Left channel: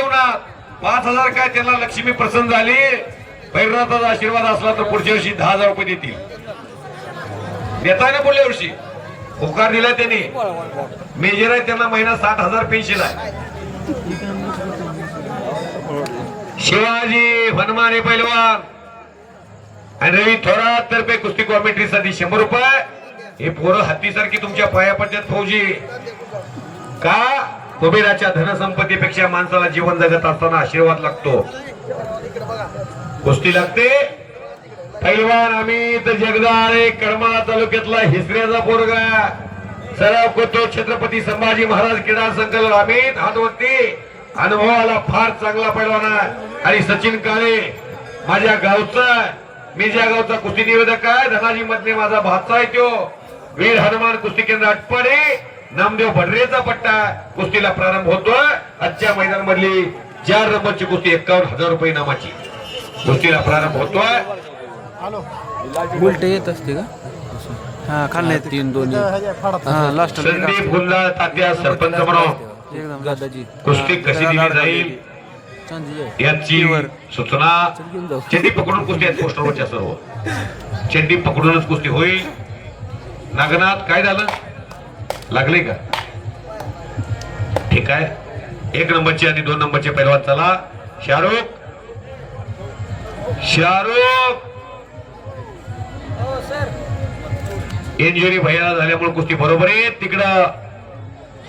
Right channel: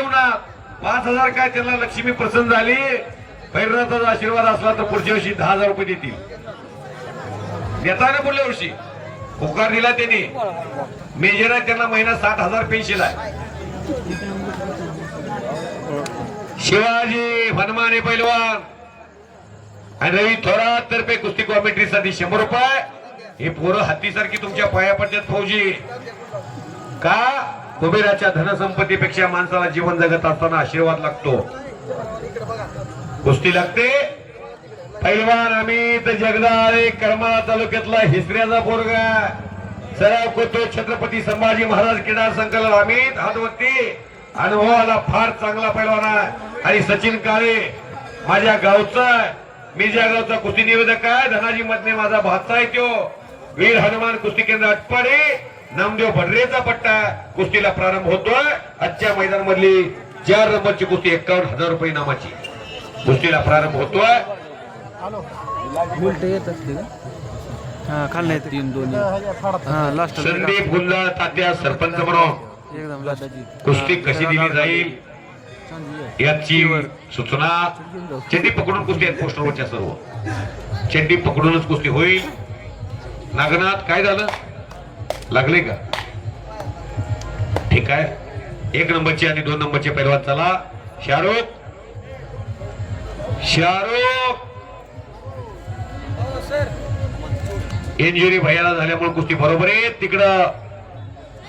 जीवनात 5,000 काय त्यांना लक्ष्मी प्रसन्न झाली, भैरवनाथाचा आशीर्वाद असला तर पुढच्या वर्षी 10,000 रुपये देतील. देताना पुढल्या वर्षी होकार दिला त्यांनी. मेजर आहे त्यांना महिना 60,000 पेन्शन आहे. शिवाजी हनुमाने पैलवान आणि रवी थोरात तर्फे कुस्ती कॉमेंट्रीसाठी 100 रुपये. हे पोरं हत्तीसारखी तुमच्या पाया पडतात फौजी. का? कुबेराच्या धनसंपत्तीपेक्षा माणसाला जीवन जगत असताना आशीर्वाद लागतो, कुस्ती लागते. पैलवान अमित जगदाळे करमाळा तालुक्यातला हिसऱ्याचा पोरगा सराव करतो. छत्रपती संभाजी महाराज क्रीडा संकलन अमित हातवरती अनुभवाला फार चांगला पैलवान आहे. आणि सचिन काळे माझ्या गावचा, मी ज्या गावचा कुस्ती निवेदक आहे, धनाजी मधने माझा भाचा आहे. तो वीर हनुमान कुस्ती केंद्र अटपाडी नामदेव भडरेचा पट्टा कुस्तीला प्रारंभ होतोय. आजच्या मैदान मधली 4 नंबरची कुस्ती 51,000 रुपये नामाची कुस्तीला प्रारंभ होतोय. उलटे येत असते का? हा खाल्ला 3-2 हा लास्ट संदीप गुल्ला तात्या सरपंच म्हणून एकदम लास्टची कुस्ती कशी दिली जाईल याची सूचना. चेंडी पकडून कुस्ती आहेत पोस्टरवरच्या सर्व. चेंडी पकडूनच कुस्ती होईल. नागनाथ काय झालं, लागले का? ठीक आहे. 1 नंबरची आणि 2 नंबरचे पैलवान चला. शाहरुख इंजुरी भयाला झाल्यामुळे कुस्ती बरोबर आहे. तिकडं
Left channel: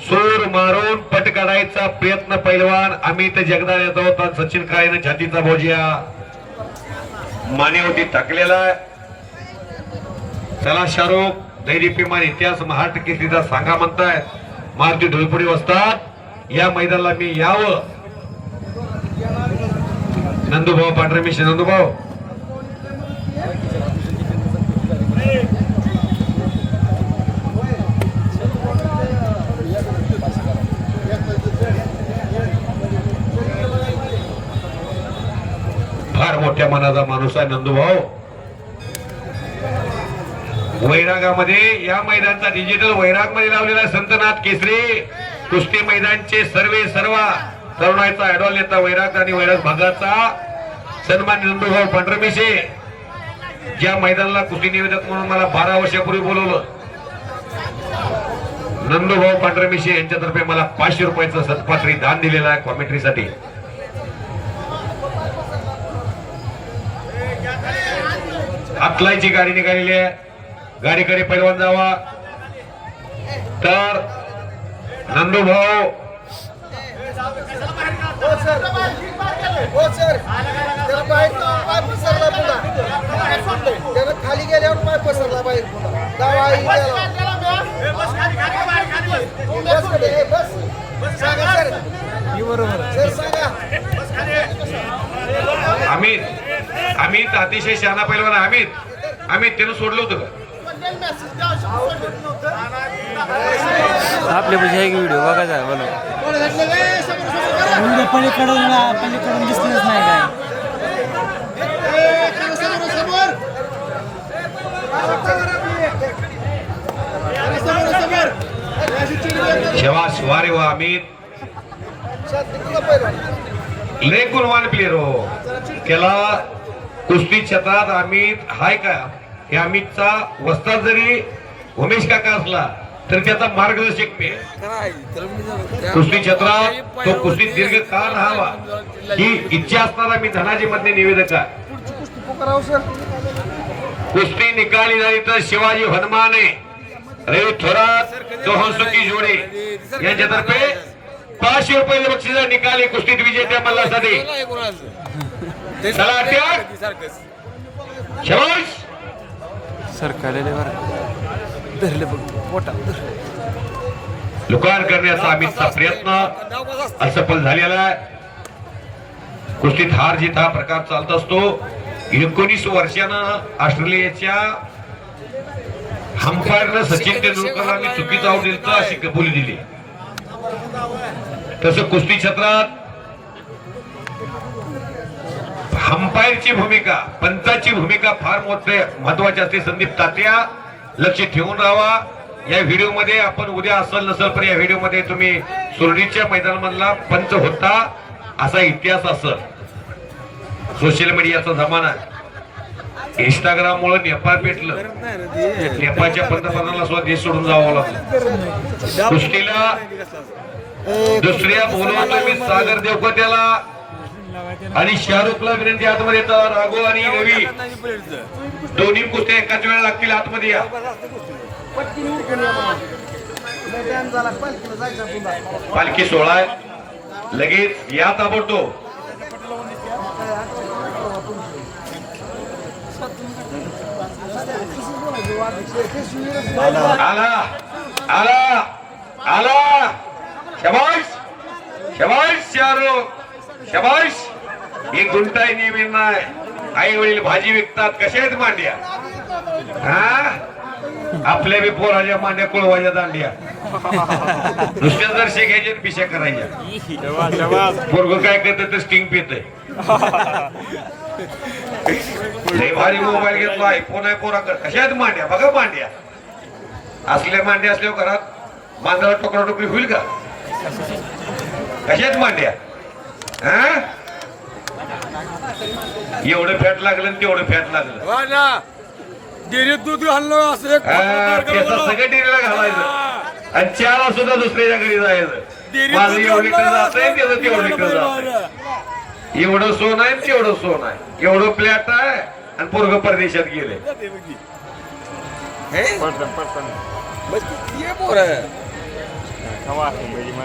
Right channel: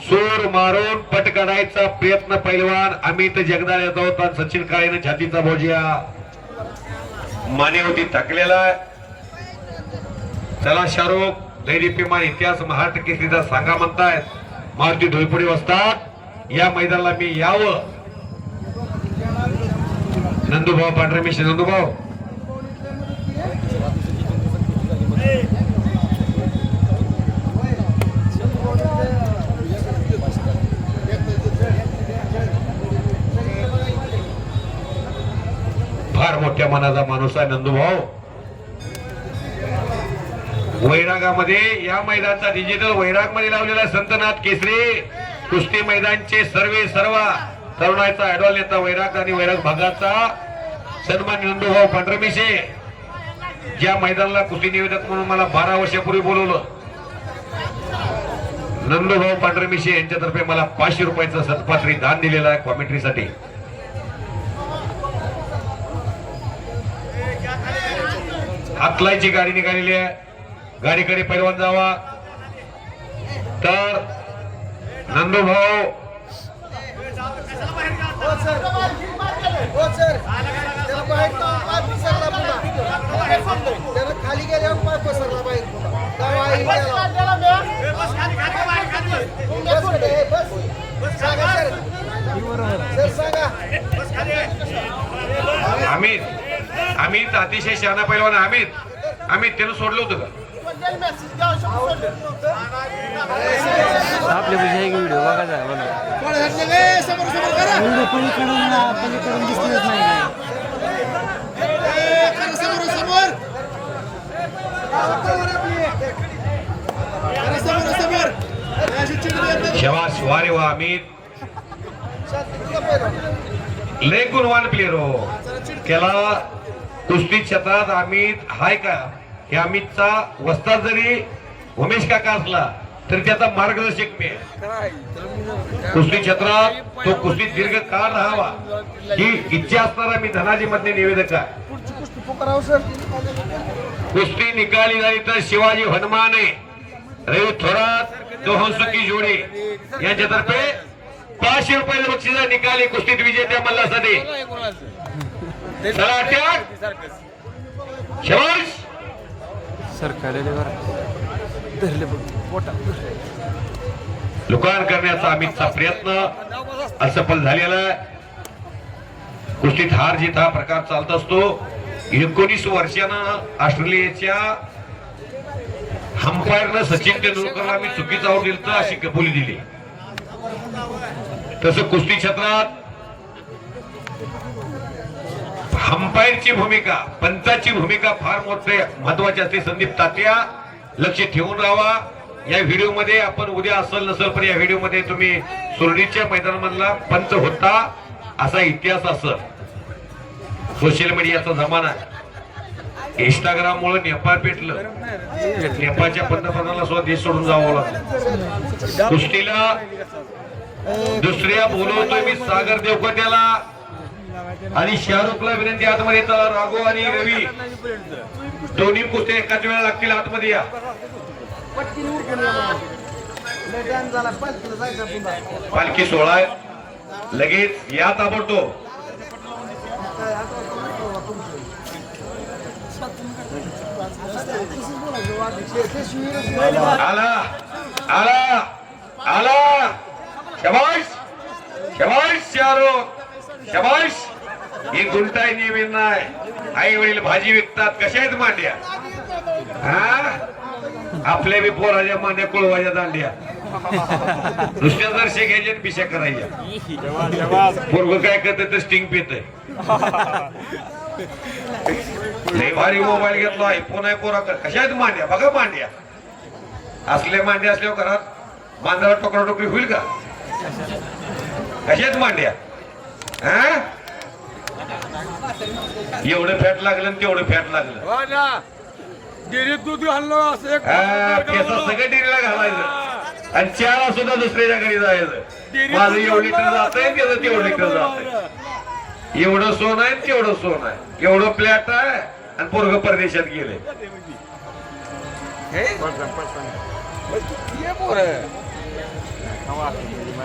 सूर मारून पट काढायचा प्रयत्न पैलवान अमित जगदाळे याचा होता. सचिन काळेने छातीचा भोजिया मानेवरती टाकलेला आहे. चला शाहरुख, दैरिप्यमान इतिहास महाराष्ट्र केसरीचा सांगा म्हणतायत. मारुती ढोलपुरी वस्तात या मैदानाला मी यावं. नंदूभाऊ पांढरे मिश्र, नंदूभाऊ फार मोठ्या मनाचा माणूस आहे नंदूभाऊ. वैरागामध्ये या मैदानाचा डिजिटल वैराग मध्ये लावलेला संतनाथ केसरी कुस्ती मैदानचे सर्व तरुणाईचा ऍडॉल नेता वैराग आणि वैराग भागाचा सन्मान नंदूभाऊ पांढरमिशे. ज्या मैदानाला कुस्ती निवेदक म्हणून मला 12 वर्षापूर्वी बोलवलं, नंदूभाऊ पांढरमिशे यांच्यातर्फे मला 500 रुपयाचं सत्पात्री दान दिलेलं आहे कॉमेंट्रीसाठी. हातलाईची गाडी निघालेली आहे. गाडीकडे पैलवान जावा. तर नंदूभाऊ खाली गेल्यावर पाय पसरला बाहेर अमित अतिशय शहाणा पैलवान. अमित त्यानं सोडलं होतं का? आपल्या बुझाय व्हिडिओ बघायचा आहे मला. पलीकडून दिसतच नाही काय. शबाश, वारे वा अमित, लय गुणवान प्लेयर हो. त्याला कुस्ती क्षेत्रात अमित हाय का? हे अमितचा वस्ताद जरी उमेश काका असला तरी त्याचा मार्गदर्शक मी आहे. कुस्ती क्षेत्रात तो कुस्ती दीर्घकाळ राहावा ही इच्छा असणारा मी धनाजी मध्ये निवेदक आहे. कुस्ती निकाली जाईल तर शिवाजी हनुमाने, रवी थोरात, दोहनसुकी जोडे यांच्यातर्फे 500 रुपये बक्षीस निकाली कुस्तीत विजेत्या मल्लासाठी. चला शबाश. सरकारले धरले बघ पोटा लुकार करण्याचा अमितचा प्रयत्न असफल झालेला आहे. कुस्तीत हार जीत हा प्रकार चालत असतो. 19 वर्षानं ऑस्ट्रेलियाच्या अंपायरनं सचिन तेंडुलकरला मी चुकीचं आऊट दिलं अशी कबुली दिली. तसं कुस्ती क्षेत्रात अंपायरची भूमिका, पंचाची भूमिका फार मोठे महत्वाची असते. संदीप तात्या लक्ष ठेवून राहावा. या व्हिडिओ मध्ये आपण उद्या असेल नसेल पण या व्हिडिओ मध्ये तुम्ही सुरडीच्या मैदानामधला पंच होता असा इतिहास असत. सोशल मीडियाचा जमाना आहे. इंस्टाग्राम मुळे नेपाळ पेटलं. नेपाळच्या पंतप्रधानाला सुद्धा देश सोडून जावं लागलं. कुस्तीला दुसऱ्या बोलवतोय मी सागर देवकत्याला आणि शाहरुखला विनंती आतमध्ये येतात. राघव आणि रवी दोन्ही कुस्त्या एकाच वेळेला लागतील. आतमध्ये या. पालखी सोहळा आहे. लगेच या ताबडतोब. आला आला आला. शबाश शबाश शाहरुख शबाश. ही गुंटाई नेहमी नाही. आई वडील भाजी विकतात. कशा आहेत मांड्या? हा आपल्या बी पोराच्या मांड्या कुळवाच्या दांड्या. नुसत्या जर शेकायच्या पिशा करायच्या. पोरग काय करत तर स्टिंग पित लय भारी मोबाईल घेतला. आयफोन आहे पोराकडे. कशा आहेत मांड्या? बघा मांड्या. असल्या मांड्या असल्यावर घरात मांजरा टोकरा टोकरी होईल का? कशा आहेत मांड्या? हा एवढं फॅट लागलं आणि तेवढं फॅट लागलं. दूध घालणं असं सगळं डेरीला घालायचं आणि चहाला सुद्धा दुसऱ्याच्या घरी जायचं. माझं एवढं लिटर जात आहे, त्याचं तेवढं लिटर जात आहे. एवढं सोन आहे तेवढं सोन आहे. एवढं फ्लॅट आहे आणि पोरग परदेशात गेले.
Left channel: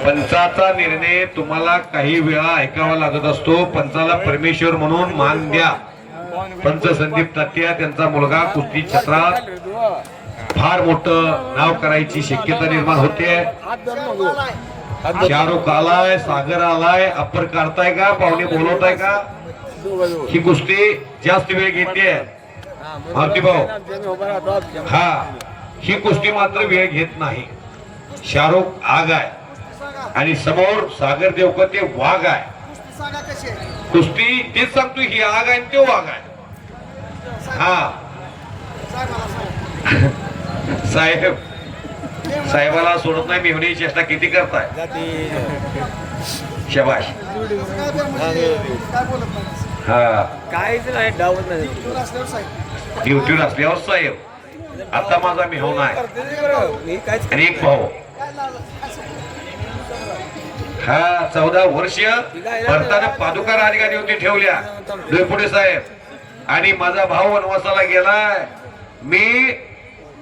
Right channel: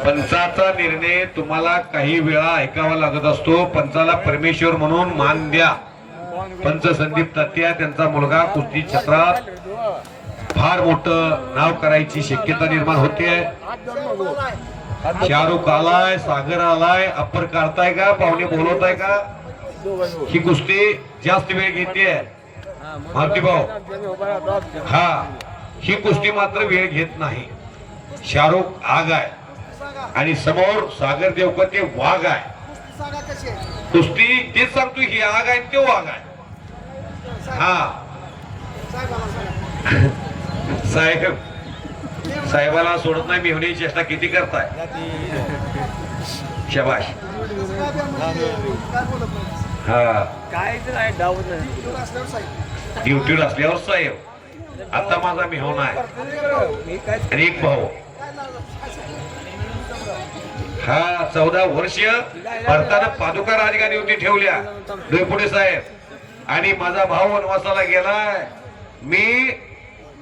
पंचाचा निर्णय तुम्हाला काही वेळा ऐकावा लागत असतो. पंचाला परमेश्वर म्हणून मान द्या. पंच संदीप तात्या त्यांचा मुलगा कुस्ती क्षेत्रात फार मोठं नाव करायची शक्यता निर्माण होते. शाहरुख आलाय, सागर आलाय. अप्पर काढताय का? पाहुणे बोलवताय का? ही कुस्ती जास्त वेळ घेते मारुती भाऊ. हा ही कुस्ती मात्र वेळ घेत नाही. शाहरुख आग आहे आणि समोर सागर देवकते वाघ आहे. कुस्ती तेच सांगतो. ही आग आहे तो वाघ आहे. हा साहेब साहेबाला सोडत नाही. मेहनी चेष्टा किती करताय? शबाश. हा ड्युटीवर असल्यावर साहेब. आता माझा मेहून आहे आणि एक भाऊ. हा 14 वर्ष भरताना पादुका राजगादी होती ठेवल्या डोईफोडे साहेब. आणि माझा भाऊ वनवासाला गेलाय. मी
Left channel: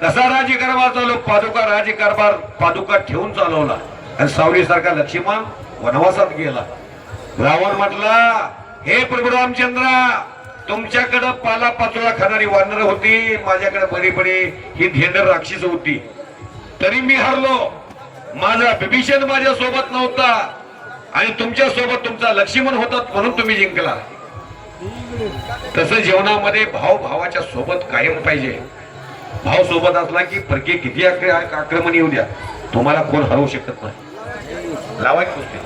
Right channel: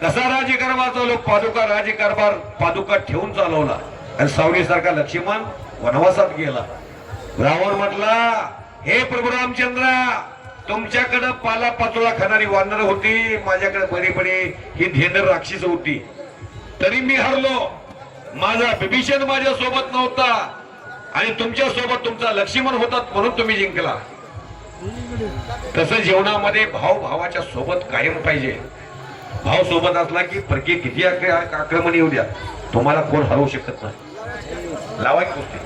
कसा राज्यकारभार चालवलो? पादुका राज्यकारभार पादुका ठेवून चालवला. आणि सावली सारखा लक्ष्मण वनवासात गेला. रावण म्हटला, हे प्रभू रामचंद्रा, तुमच्याकडे पाला पाचोळा खाणारी वानर होती, माझ्याकडे बरी बरी ही धेंडर राक्षस होती, तरी मी हरलो. माझा विभीषण माझ्या सोबत नव्हता आणि तुमच्या सोबत तुमचा लक्ष्मण होता म्हणून तुम्ही जिंकला. तसं जीवनामध्ये भाऊ भावाच्या सोबत कायम पाहिजे. भाव सोबत असला की फरके किती आक्रमण येऊ द्या, तुम्हाला कोण हरवू शकत नाही. लावाय कुस्ती.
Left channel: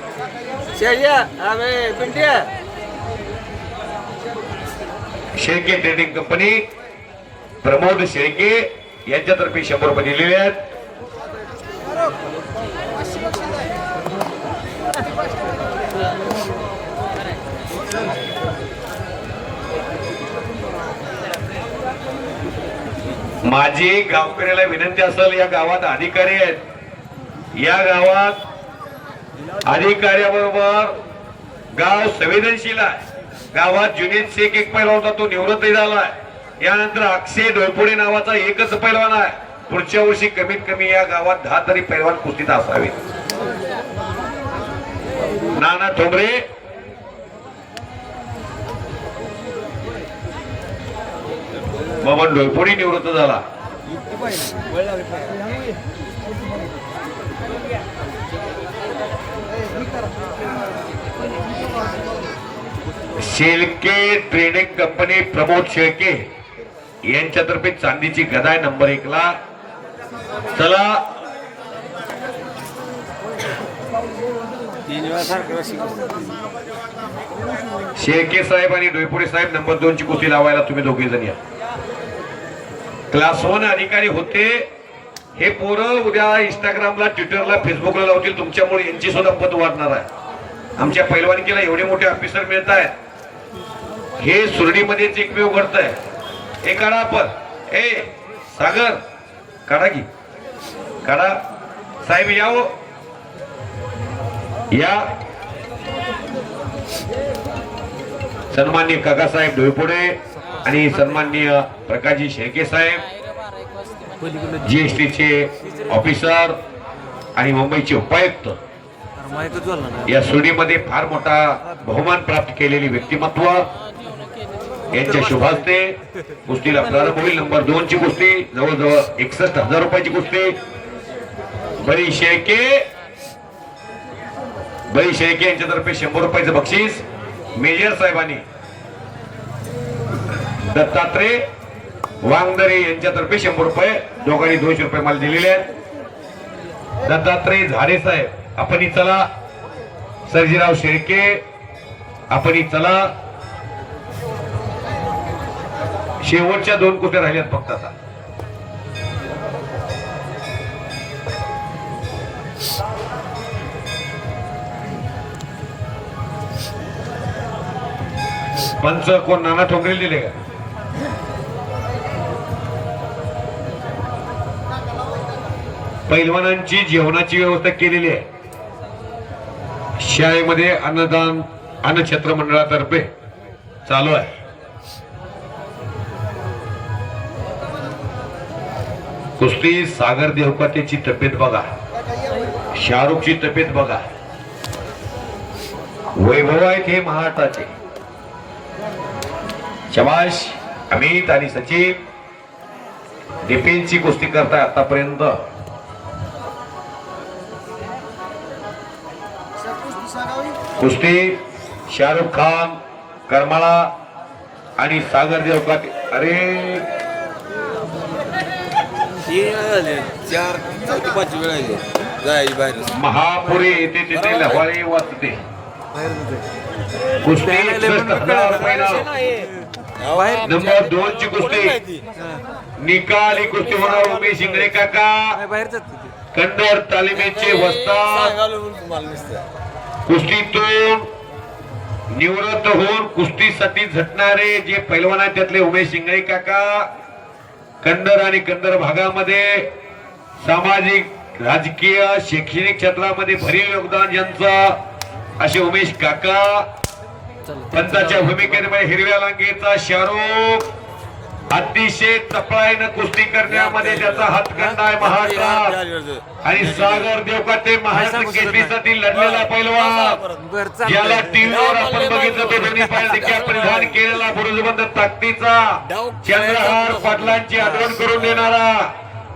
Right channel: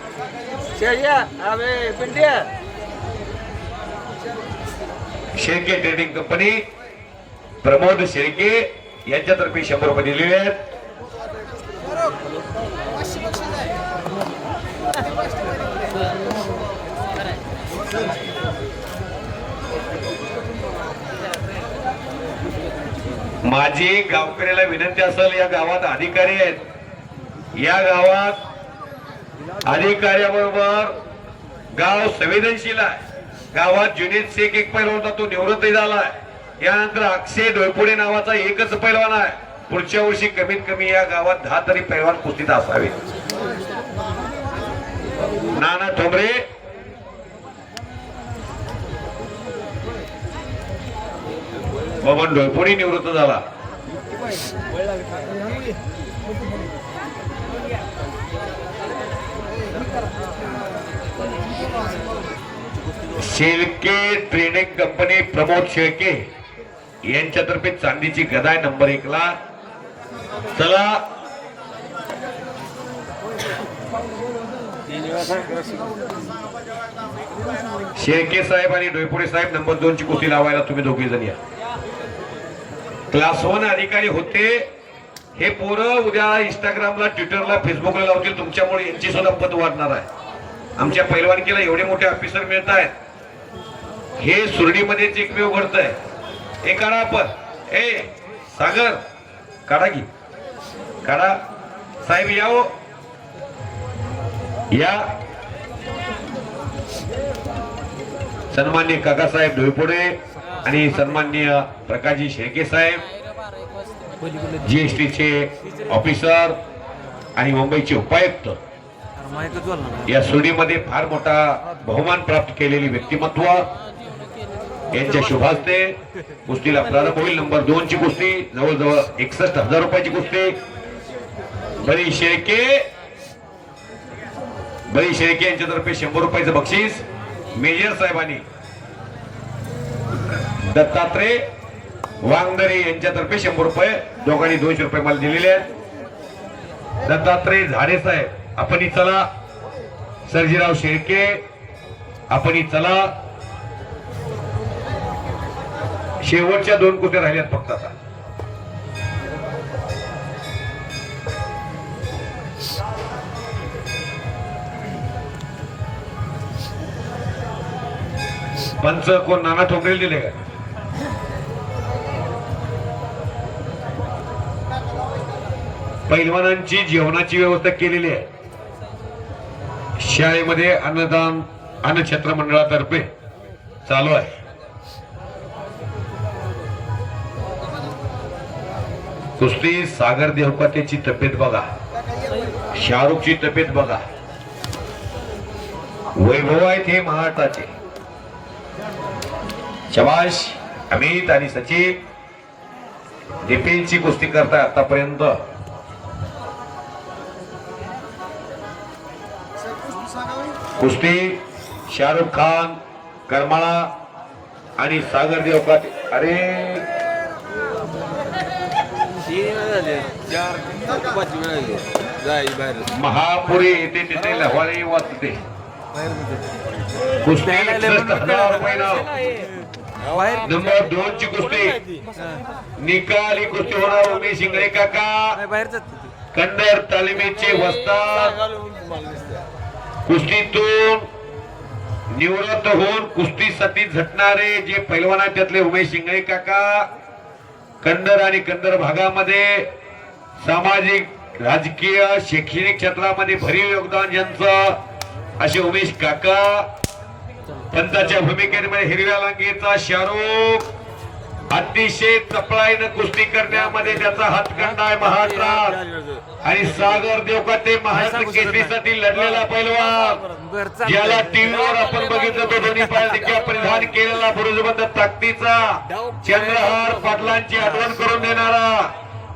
शेळके ट्रेडिंग कंपनी प्रमोद शेळके यांच्यातर्फे 100 रुपये दिलेले आहेत. माझी गावकऱ्याला विनंती असेल, या गावात अधिकारी आहेत. या गावात अधिकाऱ्याबरोबर गाव संवेदनशील आहे. गावात जुनेद शेख एक पैलवान होता, तो निवृत्त झालाय. यानंतर अक्षय डोयपुडे नावाचा एकच पैलवान आहे. पुढच्या वर्षी कमीत कमी या गावात 10 तरी पैलवान कुस्तीत असावे. नाना ठोंबरे, बबन डोयपुडे निवृत्त झाला. शेळके ट्रेडिंग कंपनी प्रमोद शेळके यांच्यातर्फे चांदीची गदा आहे नंबर 1 ला. चला शेळके साहेब आणि डोयपुडे साहेब नंबर 2 ची कुस्ती लावायला तुम्ही दोघे जण या. क्लास 1 अधिकारी होते हे पोरं उद्या इंस्टाग्रामला, ट्विटरला, फेसबुकला लावतील. तुमच्यामुळे यांची सुद्धा पद वाढणार आहे. आमच्या पैलवानकीला एवढे मोठे ऑफिसर मिळत आहेत, हे सुरडीमध्येच एकमेव घडतंय. हे काढा आपण, ए सागर काढा की, काढा साहेब, या हो या. सन्माननीय काकासाहेब डोईपोडे आणि सन्माननीय प्रकाशजी शेळके साहेब, जीएसटीचे ऑफिसर आणि मुंबईचे उपायुक्त, माहिती बोलला ना या सुरडीमध्ये फार मोठा बहुमान प्राप्त केलेली व्यक्तिमत्व यांच्या शुभास्ते कुस्तीला प्रारंभ होईल. नंबर 2 ची कुस्ती, जवळजवळ 61,000 रुपयाची कुस्ती. बळी शेळके यांच्यातर्फे 100 रुपयाचं बक्षीस. मेजर साहेबांनी दत्तात्रय वांगदरे यांच्यातर्फे 100 रुपये, दोघांनी 200 रुपये मला दिलेले आहेत. दत्तात्रय झाडे साहेब, आपणही चला. सर्जीराव शेळके, आपणही चला. शेवटच्या 2 कुस्त्या राहिल्यात फक्त आता. पंच कोण, नाना ठोकरे दिले का? पैलवानांची जेवणाची व्यवस्था केलेली आहे. शाळेमध्ये अन्नदान अन्नछत्र मंडळातर्फे चालू आहे. कुस्ती सागर देवकातेची तब्येत बघा, शाहरुखची तब्येत बघा. वैभव आहेत हे महाराष्ट्राचे. शबाश. अमित आणि सचिन डिफेन्सची कुस्ती करताय आतापर्यंत. कुस्ती शाहरुख खान करमाळा आणि सागर देवकाते. अरे महापुरी येते तिथे लहवाळी वाचते. कुस्ती 61,000 रुपयाला. बाहेर नंबर 2 ची कुस्ती, निकाली कुस्ती होणार. उमेश इंगळे काका बाहेर जात कंडर तालिमेचे वस्ताद, कुस्तीतून निवृत्त होऊन कुस्तीसाठी झटणारे जे पैलवान आहेत त्यातले उमेश इंगळे काका. कंडर आणि कंडर भागामध्ये सामाजिक, राजकीय, शैक्षणिक क्षेत्रामध्ये भरीव योगदान ज्यांचं असे उमेश काका. पंचाच्या भूमिकेमध्ये हिरव्या लांगीचा शाहरुख, अतिशय चपळाईनं कुस्ती करण्यामध्ये त्याचा हातखंडा आहे महाराष्ट्रात. आणि सागर देवकाते महाराष्ट्र केसरीसाठी लढलेला पैलवान, याला टीव्हीवर आपण बघितलं तो दोन्ही पायाचा परिधान केलेला बुरुजबंद ताकदीचा चंद्रहार पाटलांची आठवण करून देणारा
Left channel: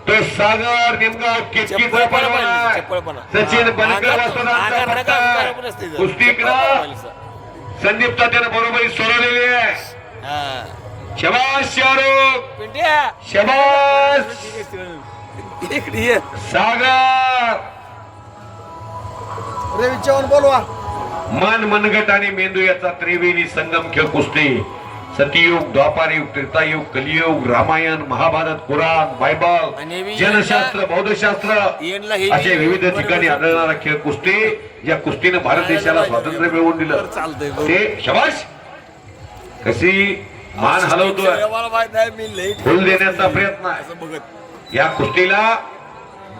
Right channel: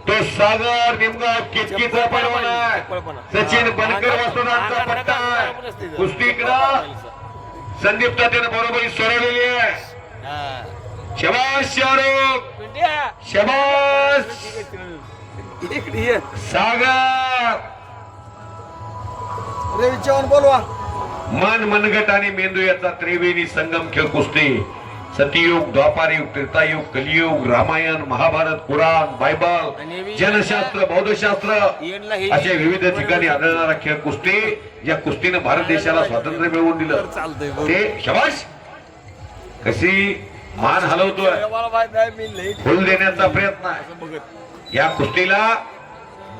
तो सागर निमगाव केतकीचा पैलवान आहे. सचिन बनकर वस्तुदांचा पट्टा कुस्तीकडं संदीप तात्यानं बरोबरी सोडवलेली आहे. शबाश शाहरुख, शबाश सागर. रवी चव्हाण बोलवा. मन, मनगट आणि मेंदू याचा त्रिवेणी संगम खेळ कुस्ती. सतयुग, द्वापारयुग, त्रेतायुग, कलियुग, रामायण, महाभारत, कुराण, बायबल, जनशास्त्र, बौद्धशास्त्र असे विविध ठिकाणी आढळणारा खेळ कुस्ती. या कुस्तीने भारत देशाला स्वातंत्र्य मिळवून दिलं. ते शबाश. कशी मान हलवतोय, फुल देण्याचा प्रयत्न आहे. या कुस्तीला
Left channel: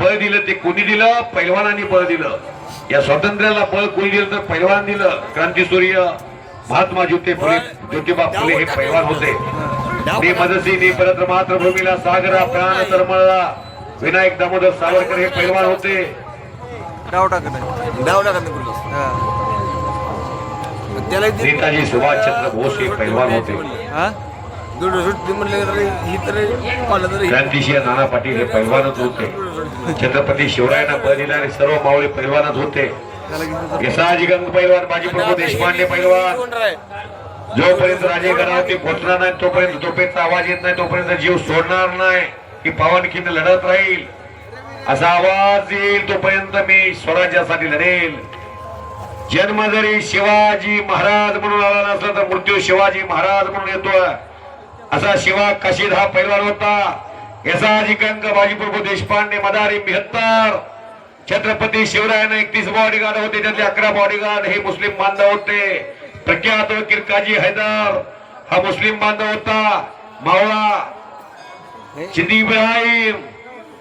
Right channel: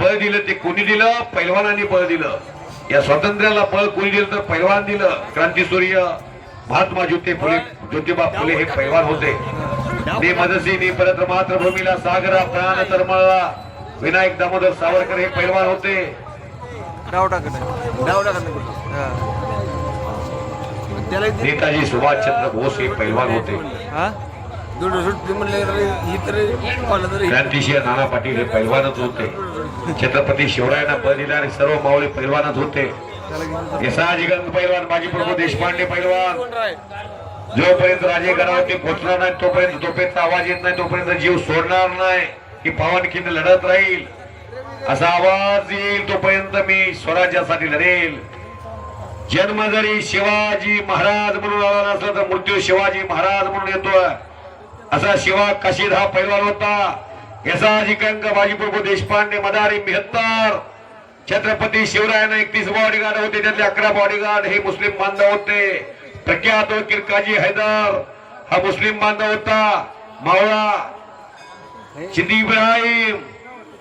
बळ दिलं ते कोणी दिलं? पैलवानांनी बळ दिलं. या स्वातंत्र्याला बळ कोणी दिलं तर पैलवान दिलं. क्रांतीसूर्य महात्मा ज्योतिबा फुले हे पैलवान होते. मी मदसीनी परत मातृभूमीला सागरा प्राण तरमळला. विनायक दामोदर सावरकर हे पैलवान होते. नेताजी सुभाषचंद्र बोस हे पैलवान होते. क्रांतिशील नाना पाटील हे पैलवानच होते. छत्रपती शिवरायांना बळ दिणारे सर्व मावळे पैलवानच होते. यसाजी गंग पैलवान, बाजीप्रभू देशपांडे पैलवान. जोपर्यंत राजे गडावरती पोहोचणार नाही तोपर्यंत तोपेचा आवाज येत नाही तोपर्यंत जीव सोडणार नाही की पावनखिंड लढत राहील. असा आवाज येईल तोपर्यंत मी स्वराज्यासाठी लढेल. जन्म जरी शिवाजी महाराज म्हणून आला नसला तर मृत्यू शिवाजी महाराज म्हणून येतोय. असा शिवा काशीद हा पैलवान होता. यसाजी कंक, बाजीप्रभू देशपांडे, मदारी 72, छत्रपती शिवरायांना 31 बॉडीगार्ड होते, त्यातले 11 बॉडीगार्ड हे मुस्लिम बांधव होते. प्रख्यात वकील काजी हैदर हा मुस्लिम बांधव होता. मावळा सिद्दी इब्राहिम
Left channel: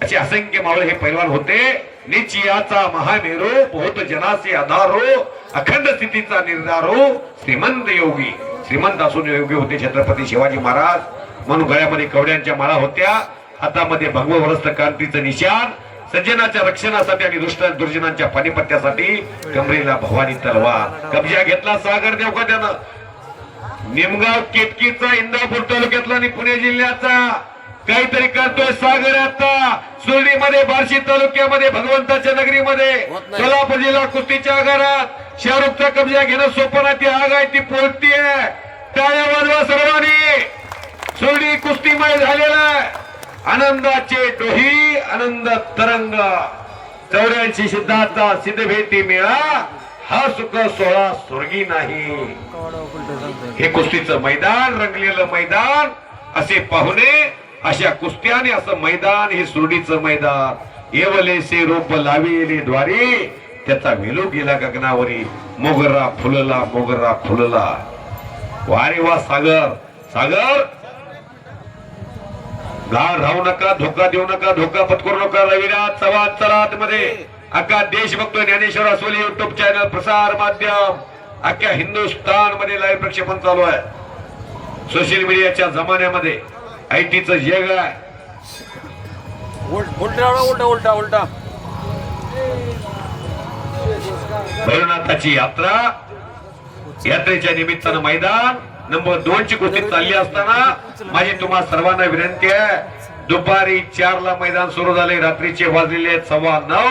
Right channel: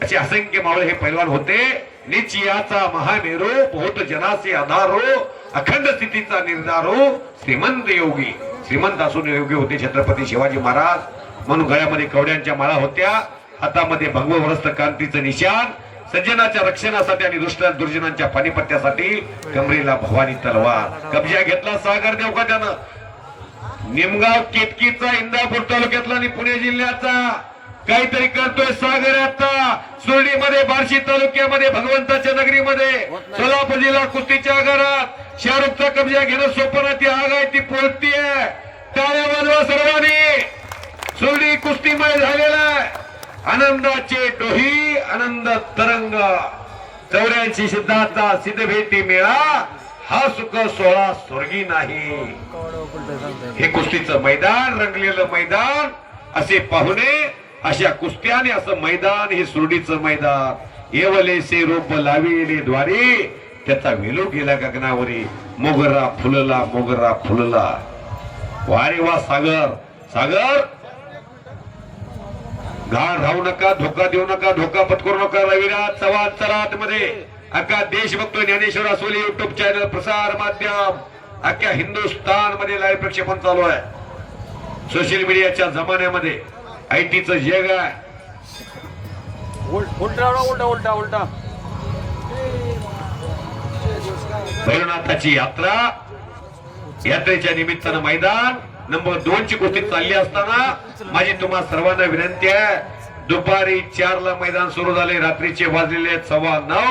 असे असंख्य मावळे हे पैलवान होते. निश्चयाचा महामेरू बहुत जनाचे आधारो अखंड स्थितीचा निर्धारो श्रीमंत योगी. श्रीमंत असून योगी होते छत्रपती शिवाजी महाराज. म्हणून गळ्यामध्ये कवड्यांच्या माळा होत्या, हातामध्ये भगववरस्त कांतीचं निशाण, सज्जनाच्या रक्षणासाठी आणि दुर्जनांच्या पानिपत्यासाठी कमरेला भवानी तलवार. कब्जा घेतला सागर देवकात्यानं. निमगाव केतकीचा इंदापूर तालुक्यातला आणि पुणे जिल्ह्याचा काहीतरी करतोय सागर. आता सुरळीमध्ये बार्शी तालुक्यामध्ये भगवंताच्या नगरीमध्ये सोलापूर जिल्हा कुस्तीच्या आगारात शाहरुखचा कब्जा घेणं सोपं नाही. ती आग आहे, ती पोहोचतीये. टाळ्या वाजवा सर्वांनी. सुरळी कुस्तीमय झालेला आहे. आनंदाचे डोही आनंद तरंग. 84 सिद्धाचा सिद्ध भेटी मेळा हा सुख सोहळा स्वर्गी नाही. हे कुस्तीचं मैदान, रंगलेलं मैदान, असे पाहुणे, अशा कुस्त्या आणि असं मैदान हे सुरडीचं मैदान. येवलेसे रूप लाविले द्वारी त्याचा वेलू गेला गगनावरी. मोगरा फुलला मोगरा फुलला. वारे वा सागर. सागर गाळ राहू नका, धोका देऊ नका, धोका पत्करू नका. रविराज चव्हाण चला मध्ये. अख्खा देश बघतोय. ज्ञानेश्वर असोली युट्यूब चॅनल प्रसार माध्यम अख्ख्या हिंदुस्थान मध्ये लाईव्ह प्रक्षेपण चालू आहे. सोशल मीडियाच्या जमान्यामध्ये आयटीचं जग आहे. उलटा उलटा भैरवनाथाची यात्रा, यात्रेच्या निमित्तानं मैदान नंबर 2 ची कुस्ती चालली असताना माझी तुम्हा सर्वांना विनंती आहे. दुपारी 4 ला मैदान सुरू झाले, रात्रीचे वाजलेले 9:15.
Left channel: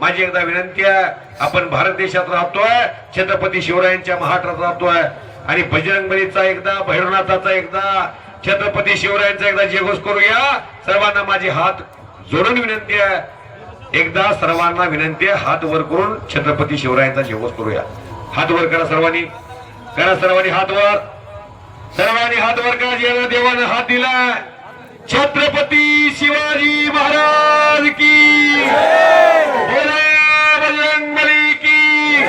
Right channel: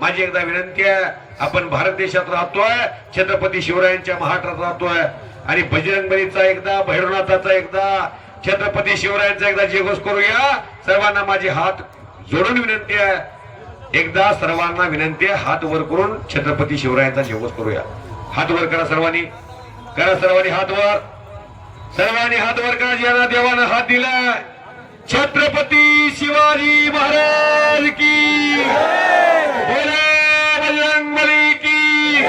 माझी एकदा विनंती आहे, आपण भारत देशात राहतोय, छत्रपती शिवरायांच्या महाराष्ट्रात राहतोय आणि बजरंगबलीचा एकदा, भैरवनाथाचा एकदा, छत्रपती शिवरायांचा एकदा जयघोष करूया. सर्वांना माझे हात जोडून विनंती आहे, एकदा सर्वांना विनंती आहे, हात वर करून छत्रपती शिवरायांचा जयघोष करूया. हात वर करा सर्वांनी, करा सर्वांनी हात वर, सर्वांनी हात वर करा. ज्यांना देवानं हात दिला, छत्रपती शिवाजी महाराज की बजरंगबली की,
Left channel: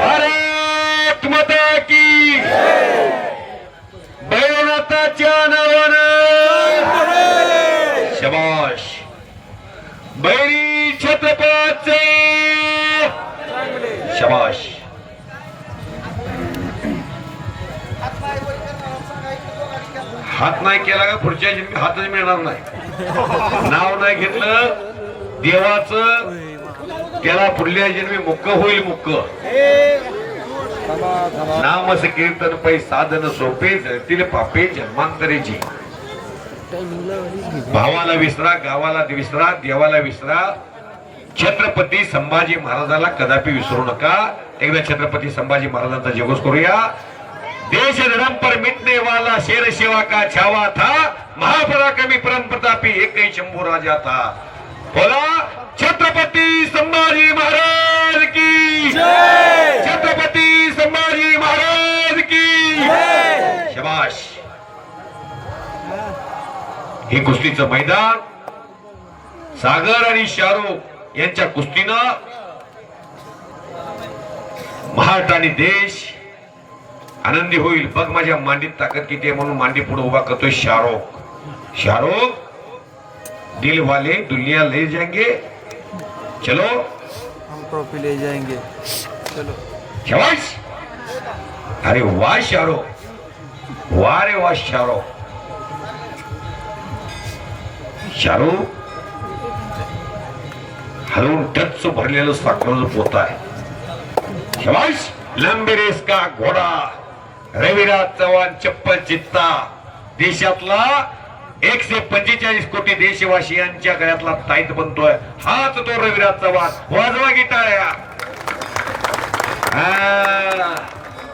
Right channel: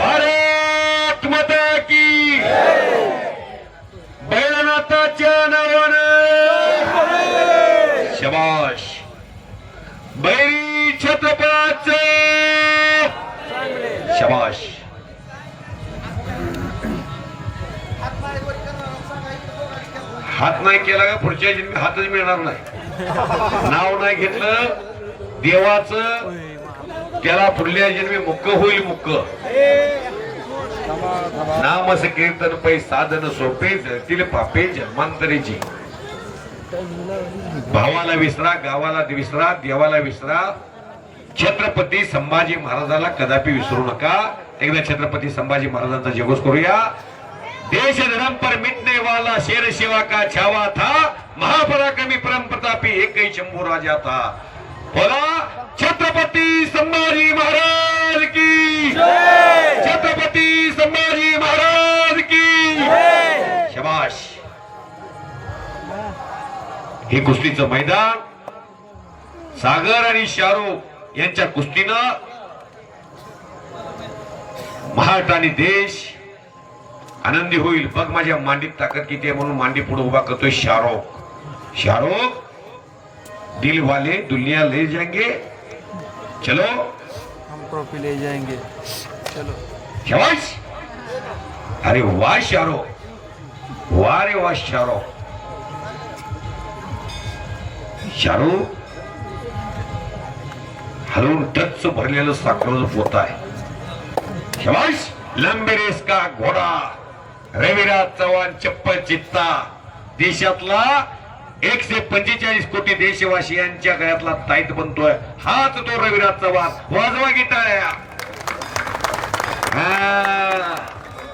भारत माता की. भैरवनाथाच्या नावानं शबाश. बैरी छत्रपतीचे शबाश. हात नाही केला का पुढच्या जन्मी हातच मिळणार नाही. नाव नाही घेतलं देवाचं, त्याला पुढल्या जन्मी मुक्क होईल. मुक्क नामस कीर्तन पै साधन सोपे, जळतील पापे जन्मांतरेची. भावाला विसरा, गावाला विसरा, देवाला विसरा, छत्रपती संभाजी महाराजाला कदापि विसरू नका. एकदा छत्रपती संभाजी महाराजांचा जयघोष करूया. देश धर्म पर मिटने वाला शेर शिवा का छावा था, महापराक्रमी परम प्रतापी एक ही शंभू राजा था. बोला छत्रपती संभाजी महाराज की जय. छत्रपती संभाजी महाराज की जय. शबाश. हे कुस्तीचं मैदान सागर आणि शाहरुख यांच्या कुस्तीनं महाराष्ट्र आणि देश आनंदी होईल. बघ माझ्या मांडीत ताकद किती आहे म्हणून मांडी पुढे उभा करतोय शाहरुख. शाहरुख दिल वाले दुनिया ले जाएंगे, चलो हम ट्रॉफी ले जाएंगे, चलो. शाबाश. अरे वाह शाहरुख, वाह रे वाह शाहरुख. शाहरुख हलवून टच भरलेलं साखरेचं पोत आहे. शाबाश. लंबे रेस का घोडा रविराज चव्हाण चप्पल चित्ता. देशातला 145 कोटी देशवासियांच्या गळ्यातला ताईत बनतोय हाच तो रविराज चव्हाण. वाजवा गिटाया.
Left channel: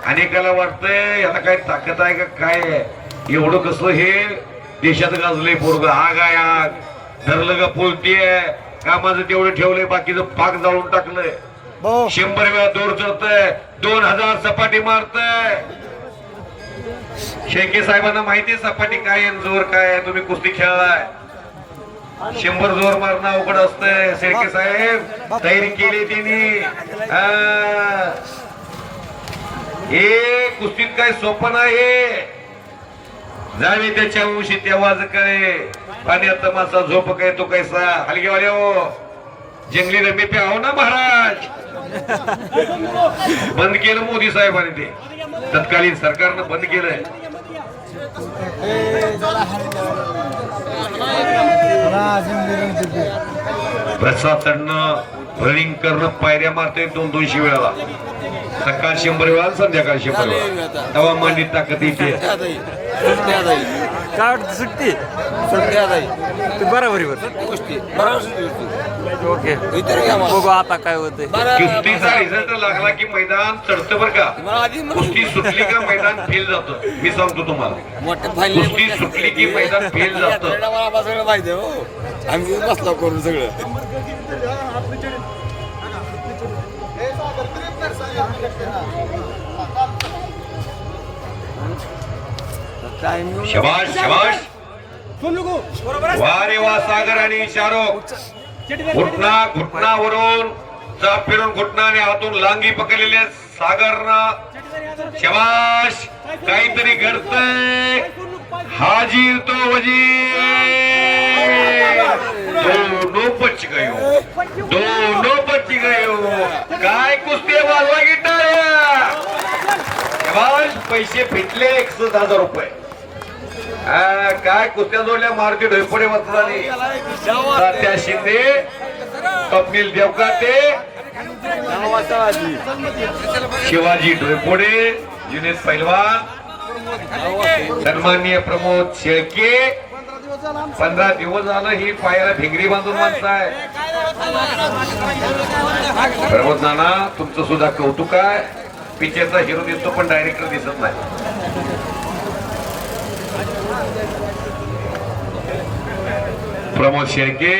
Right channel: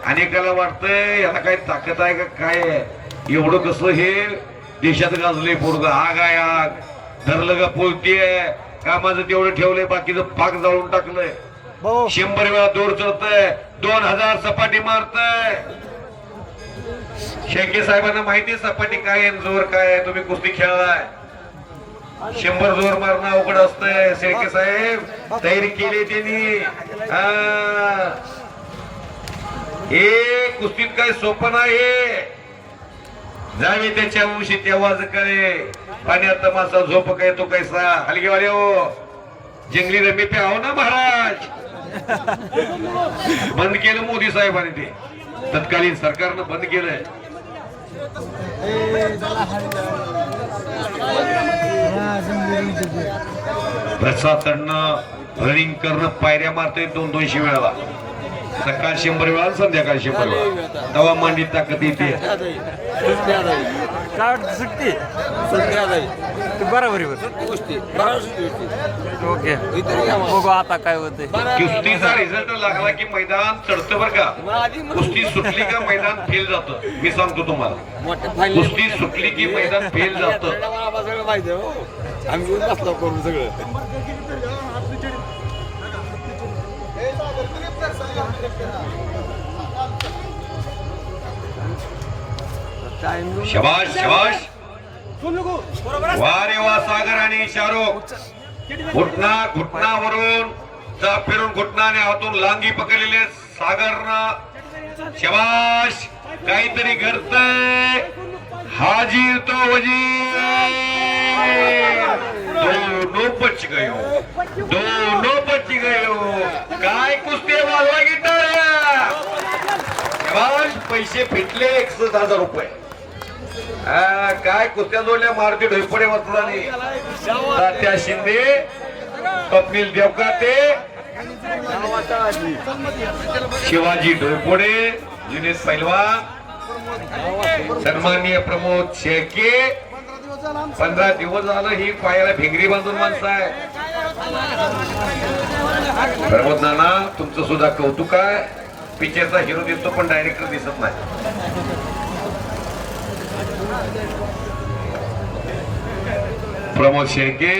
अनेकाला वाटतंय याला काय ताकद आहे का काय, एवढं कसं हे देशात गाजलंय पोरग. आग आहे आग, धरलं का पोलतीये, कामाचं तेवढं ठेवलंय, बाकीचं पाक जाळून टाकलंय. 100 वेळा दोर चढतंय, 2000 सपाटी मारतंय. शेळके साहेबांना माहिती आहे सपाटी काय आहे, जोर काय आहे. तुम्ही कुस्ती खेळलाय. 100 जोर मारणं अवघड असतंय. शेळके साहेब तयारी केली त्यांनी. हे कुस्तीत काय सोपं नाही. जावे त्याच्या उशी तेव्हाच काय पाण्यात मासा झोप काय तो कैसा हलगेवाले हो. जंगली रमी पे आहो ना महाराज. बंद केलं मोदी साहेबांनी ते. तत्कालीन सरकारनं बंद केलंय. प्रसाद चढणं रनिंग करणं पायऱ्या मारतोय 200 वेळाला. सकाळ 100 वेळा संध्याकाळी 100 वेळा. तवा मांडीत ताकद येते. काय वाटतं सुट्टी बरोबर ओके बघू आता काय होतंय. कुस्तीचा रिझल्ट लागला की मैदान चढतं बरं का. कुस्ती सुटली का मैदान फेल जातं. मी सांगतो तुम्हाला, कुस्ती सुटली की मैदान फेल जातं. आम्ही बसला करून सगळं. शबाश शबाश. वा रे वा सागर आणि शाहरुख. घुटनावरून चाप फिरून घुटनाने हातून लांगी पकडलेले सागरनं. शबाश. काहीतरी घडतंय. हाजीर तो वजीर. दोनों बच गयो. दोनों बच गयो. काय कुस्ती वाजवा गिटार. शबाश. पैसे फिटले 61,000 रुपये. काय कुस्त्या जोडल्या मारुती ढोयपडे वस्त्राने. तात्या शिंदे, स्वप्नील देवकाते, शिवाजी ढोयपोडे, जुनेद पैलवान, सन्माननीय प्रमोद शेळके. 15 दिवस झालं ही पायाला भिंगरी बांधून माणसं आहे. प्रमोद नाना तुमचं सुद्धा कौतुक आहे. पिक्चरचा हिरो दिसतो पण डायरेक्टर दिसत नाही. प्रमोद शेळके